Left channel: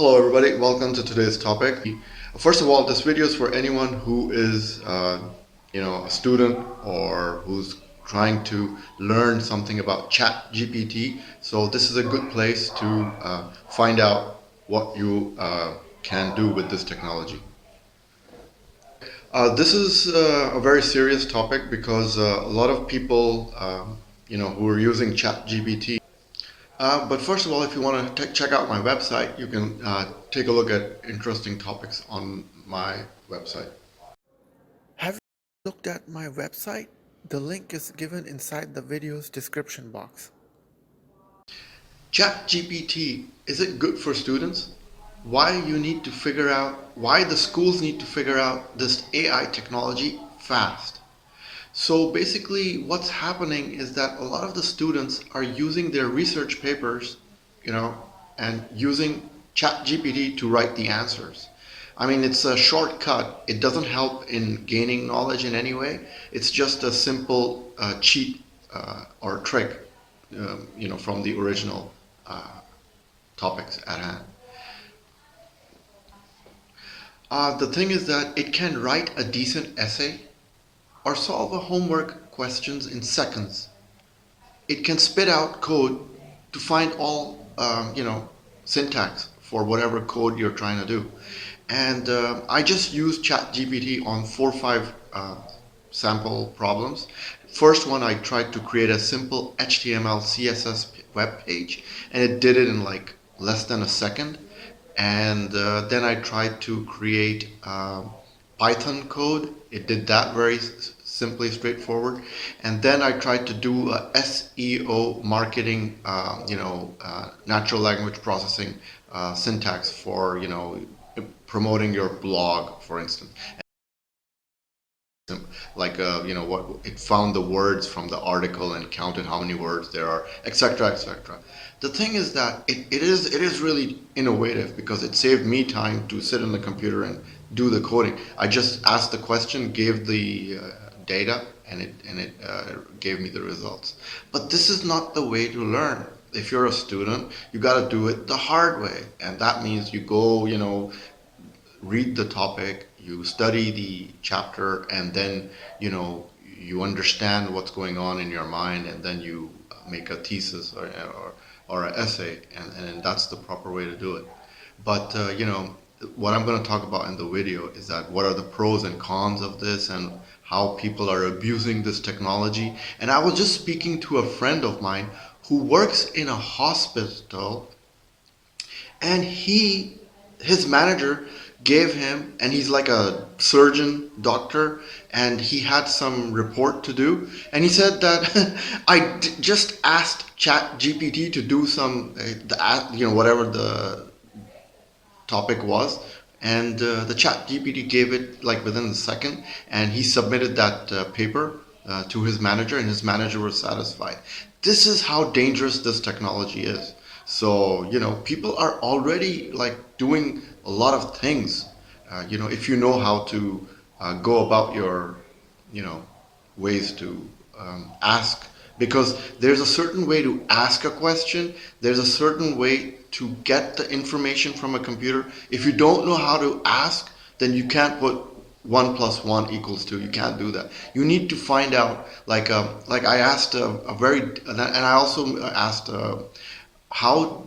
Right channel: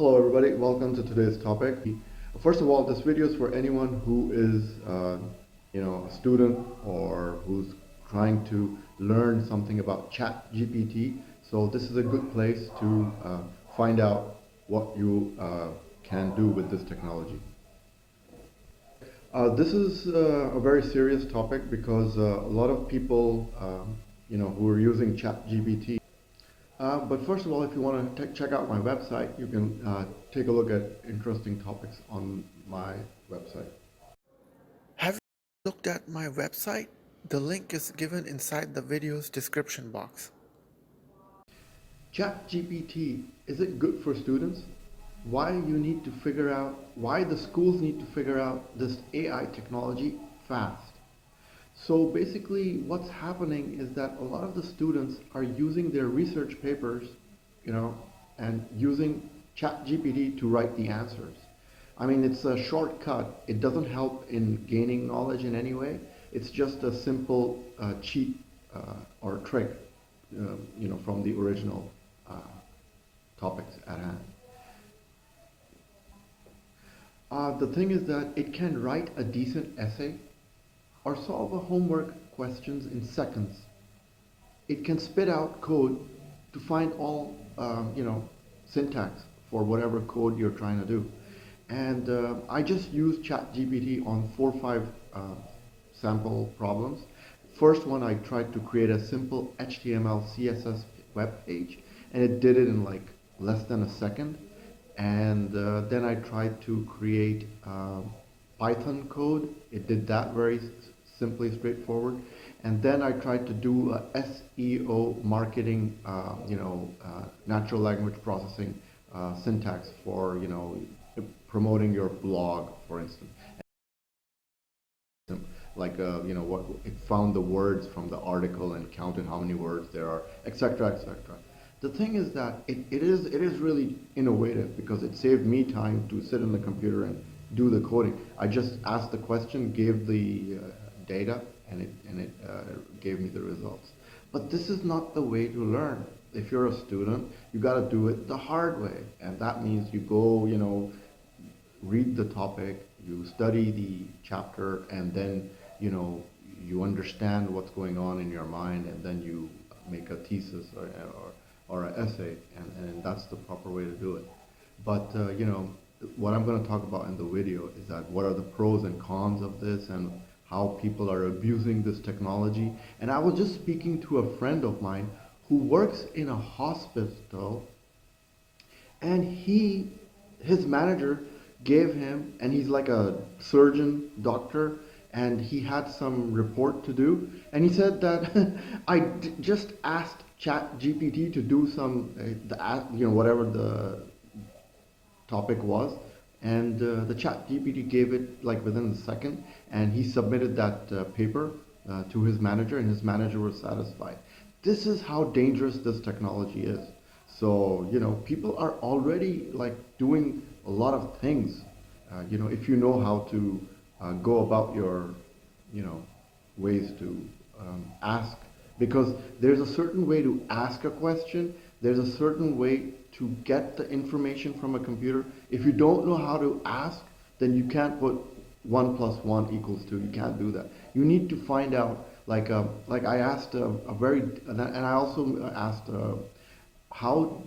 Hello everybody, welcome to today's topic. First of all, this video is for anyone who is a student or who's trying to learn something about ChatGPT. So this is a good place to find out what you can do with this technology. This is a very serious topic because a lot of people who are using ChatGPT. But first of all, if you want to check out my website, you can take a look at interesting topics on my website. Have you looked at my website? The link is given inside the video's description box. ChatGPT, is it good for students? Why the schools need to figure out this AI technology fast. So basically what's happening is that a lot of the students are using their research papers, you know, and using ChatGPT to write the answers. I mean, it's a shortcut. It doesn't help in gaining knowledge in any way. It's just a simple cheat or trick, from the original uh, topics at hand. The thing is that it can write a decent essay or solve a homework questions in seconds. It can spit out code to find all syntax for whatever code you're trying to do. And I just used ChatGPT on 4 or 5 sample problems. First one, I tried to create a simple HTML CSS web page, and it did it in like less than a second. And then I tried to create Python code. It did that very simply, straightforward. And then I tried to do a SEO marketing, natural language processing syntax for, promoting your blog, for instance. Like, what it found the words from the article and counted how many words there are, etc., etc. The thing is that it is really innovative because it saved me time to sit on the computer and do the coding. I just asked the question, gave the data, and it gave me the results. But this is not the way to learn. If you're a student, you got to do it the hard way, and that means you go, read the topic, you study the chapter, and then you understand what's going on in your mind, and then you make a thesis or an essay, and that's the proper way to do it. But what I'm going to talk about in the video is that what are the pros and cons of this, and how people are abusing this technology. And I was just speaking to a friend of mine who works in a hospital, and his manager gave him, and he's like a surgeon doctor, and he had some report to do, and he said that just asked chat gpt to do some whatever the topic was, and the chat gpt gave it like within a second, and he submitted that paper to his manager, and his manager was satisfied. This is how dangerous this technology is. So people are already like doing a lot of things. If you know how to go about your ways to ask, because there's a certain way to ask a question, there's a certain way to get the information from a computer. If you don't know how to ask, then you can't put 1 + 1 = 2. You can't do that. You need to find out, like I asked a very, and I also asked how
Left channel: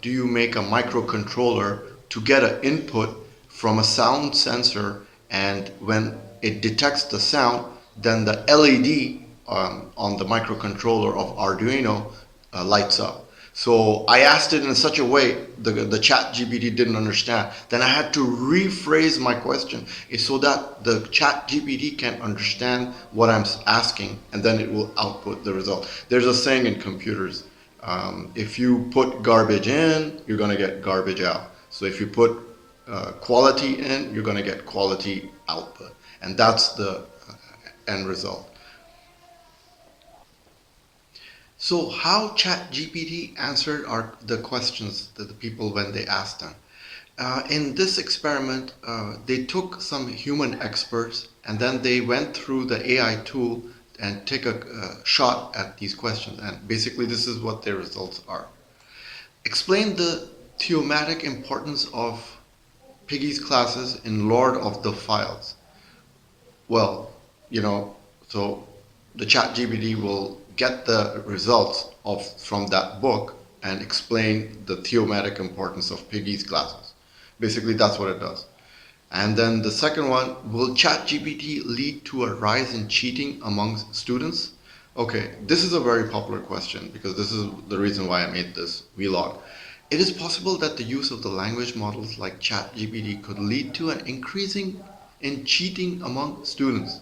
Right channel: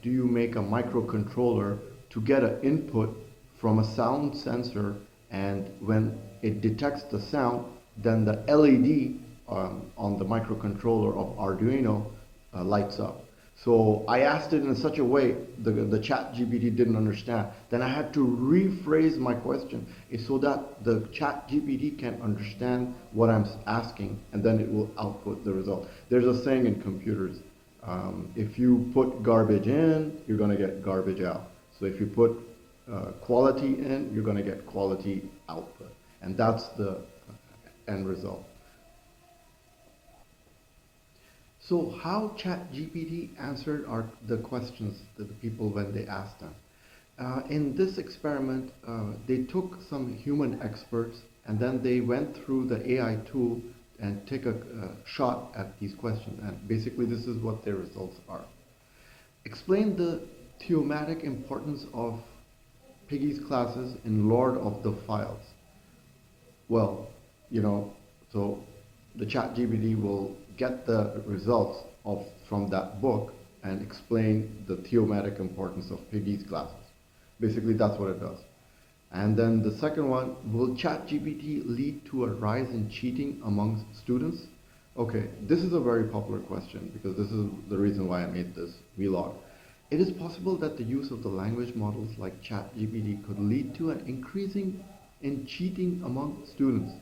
do you make a microcontroller to get an input from a sound sensor, and when it detects the sound, then the LED on the microcontroller of Arduino lights up. So I asked it in such a way the chat GPT didn't understand. Then I had to rephrase my question so that the chat GPT can understand what I'm asking, and then it will output the result. There's a saying in computers, if you put garbage in, you're going to get garbage out. So if you put quality in, you're going to get quality output. And that's the end result. So how ChatGPT answered the questions that the people when they asked them. In this experiment, they took some human experts, and then they went through the AI tool and take a shot at these questions. And basically this is what their results are. Explain the thematic importance of Piggy's classes in Lord of the Files. Well, you know, so the chat GPT will get the results of from that book and explain the thematic importance of Piggy's classes. Basically, that's what it does. And then the second one, will ChatGPT lead to a rise in cheating amongst students? Okay, this is a very popular question because this is the reason why I made this vlog. It is possible that the use of the language models like ChatGPT could lead to an increasing in cheating among students.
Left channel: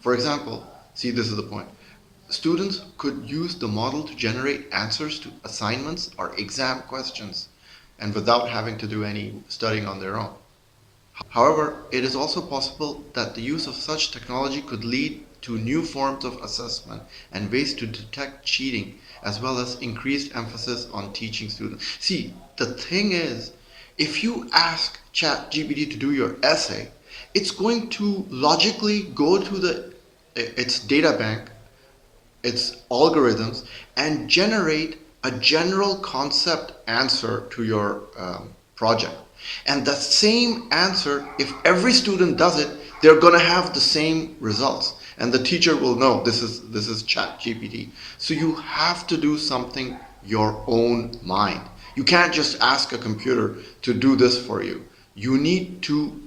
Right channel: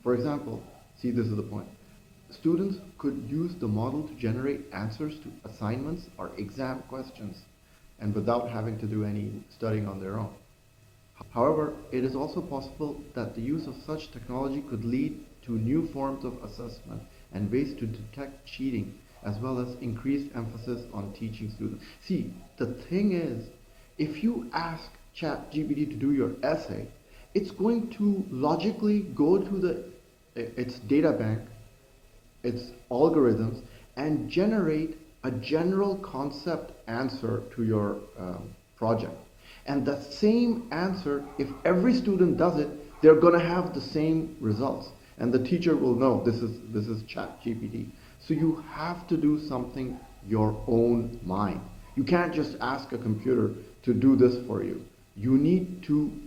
For example, see, this is the point. Students could use the model to generate answers to assignments or exam questions and without having to do any studying on their own. However, it is also possible that the use of such technology could lead to new forms of assessment and ways to detect cheating, as well as increased emphasis on teaching students. See, the thing is, if you ask ChatGPT to do your essay, it's going to logically go to its data bank, its algorithms, and generate a general concept answer to your project. And the same answer, if every student does it, they're going to have the same results. And the teacher will know this is chat GPT. So you have to do something your own mind. You can't just ask a computer to do this for you. You need to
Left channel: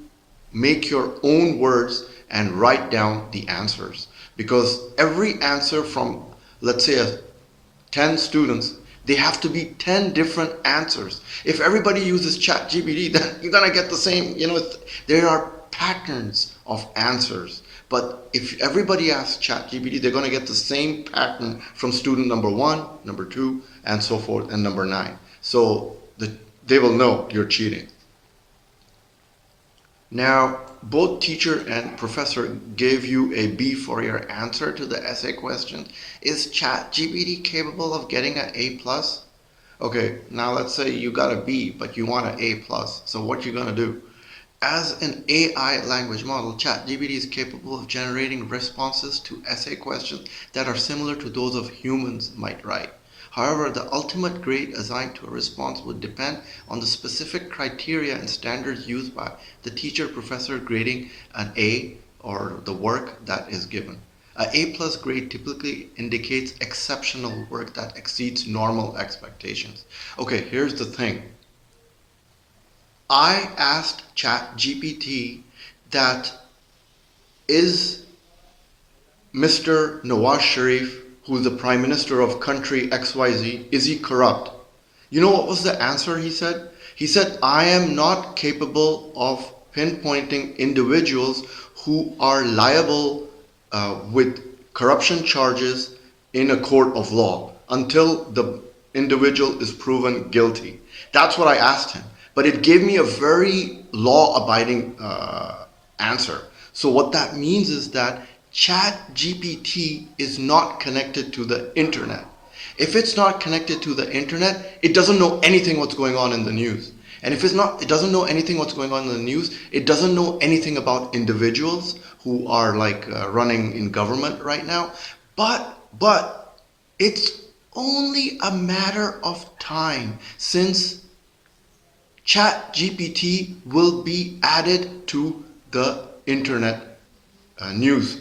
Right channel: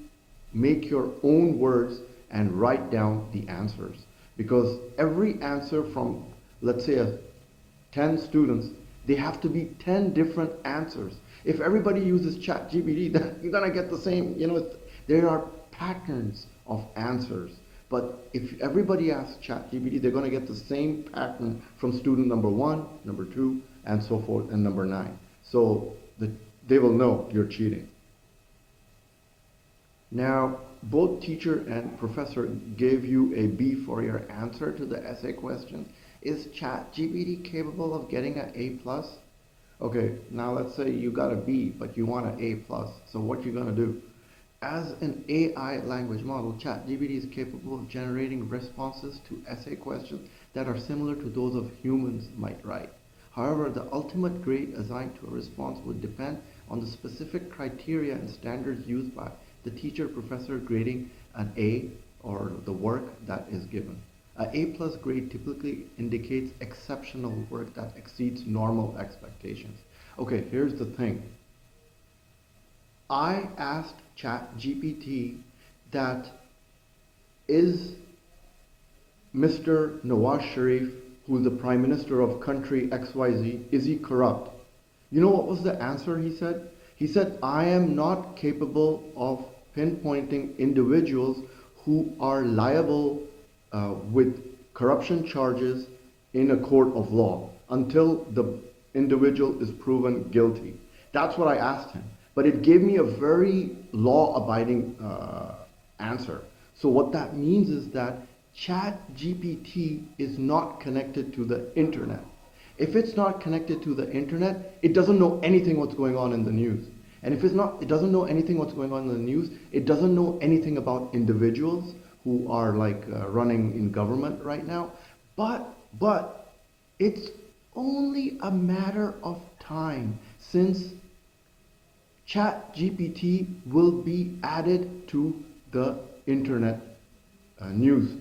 make your own words and write down the answers. Because every answer from, let's say, 10 students, they have to be 10 different answers. If everybody uses ChatGPT, then you're gonna get the same, there are patterns of answers. But if everybody asks ChatGPT, they're gonna get the same pattern from student number 1, number 2, and so forth, and number 9. So they will know you're cheating. Now, both teacher and professor gave you a B for your answer to the essay question. Is ChatGPT capable of getting an A plus? Okay, now let's say you got a B, but you want an A plus. So what you gonna do? As an AI language model, ChatGPT is capable of generating responses to essay questions that are similar to those of humans might write. However, the ultimate grade assigned to a response would depend on the specific criteria and standards used by the teacher professor grading an A or the work that is given. A A plus grade typically indicates exceptional work that exceeds normal expectations. Okay, here's the thing. I asked ChatGPT that is Mr. Nawaz Sharif, who's the Prime Minister of country XYZ, is he corrupt? You know what was the answer he said? He said, I am not capable of pinpointing individuals who are liable with corruption charges in a court of law until the individual is proven guilty. That's what I asked him. But it gave me a very law-abiding answer. So what that means is that ChatGPT is not connected to the internet. If it's not connected to the internet, it doesn't know anything what's going on in the news. And if it doesn't know anything what's going on in the news, it doesn't know anything about individuals who are running in government right now. But it's only a matter of time since ChatGPT will be added to the internet news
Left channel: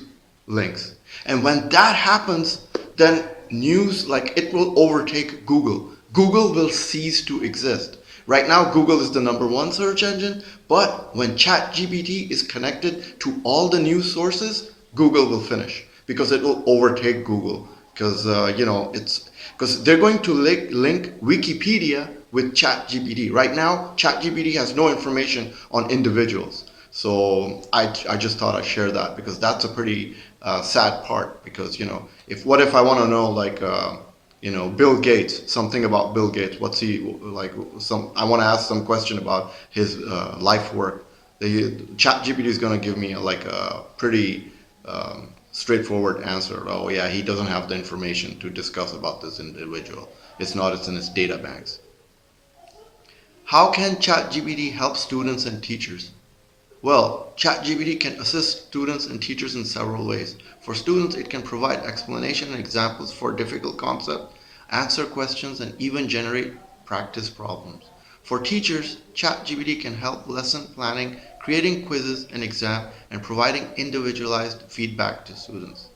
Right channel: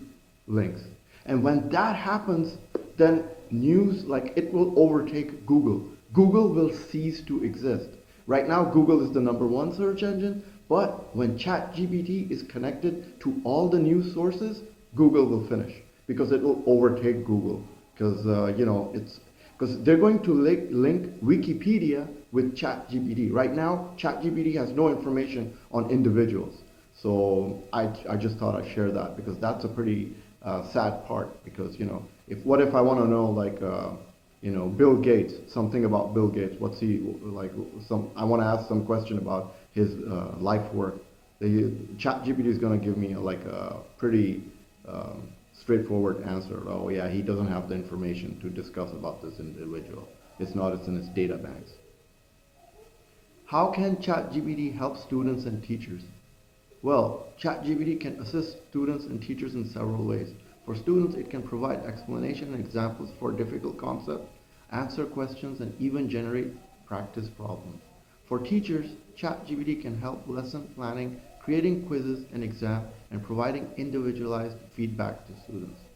links. And when that happens, then news, it will overtake Google. Google will cease to exist. Right now, Google is the #1 search engine, but when ChatGPT is connected to all the news sources, Google will finish because it will overtake Google. Because because they're going to link Wikipedia with ChatGPT. Right now, ChatGPT has no information on individuals. So I just thought I'd share that because that's a pretty sad part. Because if I want to know Bill Gates, something about Bill Gates, what's he like? I want to ask some question about his life work. The ChatGPT is going to give me a pretty straightforward answer. Oh yeah, he doesn't have the information to discuss about this individual. It's in his data banks. How can ChatGPT help students and teachers? Well, ChatGPT can assist students and teachers in several ways. For students, it can provide explanation and examples for difficult concepts, answer questions, and even generate practice problems. For teachers, ChatGPT can help lesson planning, creating quizzes and exam, and providing individualized feedback to students.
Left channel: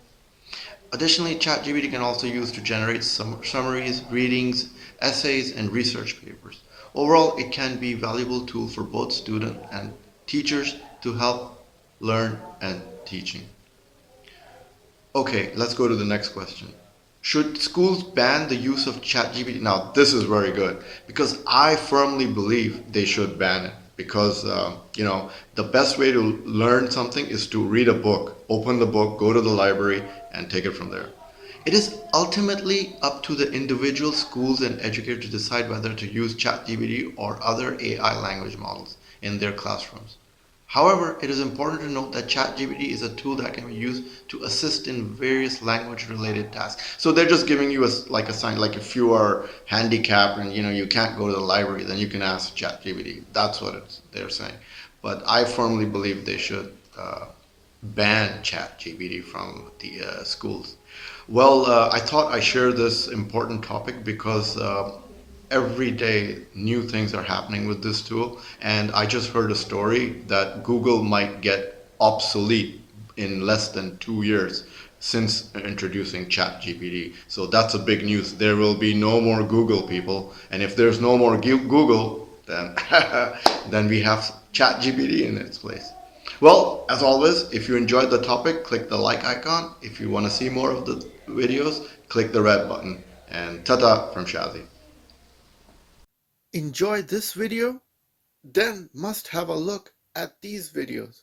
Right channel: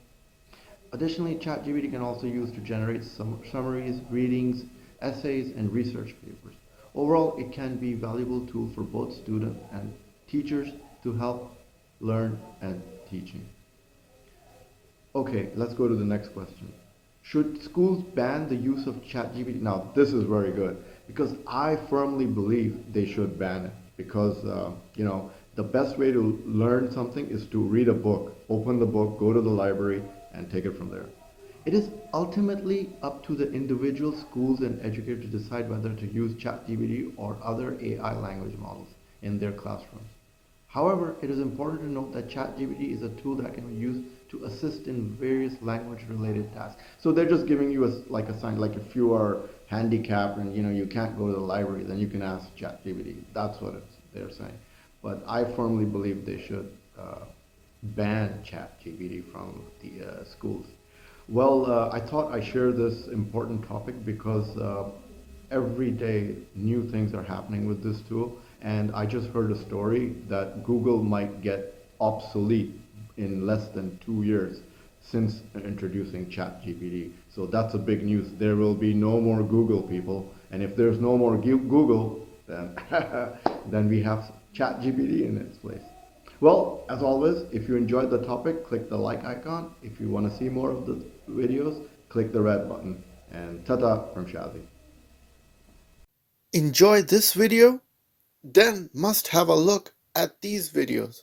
Additionally, ChatGPT can also use to generate summaries, readings, essays, and research papers. Overall, it can be a valuable tool for both students and teachers to help learn and teaching. Okay, let's go to the next question. Should schools ban the use of ChatGPT? Now, this is very good because I firmly believe they should ban it because, the best way to learn something is to read a book, open the book, go to the library, and take it from there. It is ultimately up to the individual schools and educators to decide whether to use ChatGPT or other AI language models in their classrooms. However, it is important to note that ChatGPT is a tool that can be used to assist in various language-related tasks. So they're just giving you like a sign, like if you are handicapped and you can't go to the library, then you can ask ChatGPT. That's what they're saying. But I firmly believe they should ban ChatGPT from the schools. Well, I thought I share this important topic because every day new things are happening with this tool, and I just heard a story that Google might get obsolete in less than 2 years since introducing ChatGPT. So that's a big news. There will be no more Google, people, and if there's no more Google, then then we have ChatGPT in its place. Well, as always, if you enjoyed the topic, click the like icon. If you want to see more of the videos, click the red button. And ta-ta from Shazi. Enjoy this video? Then must have a look at these videos.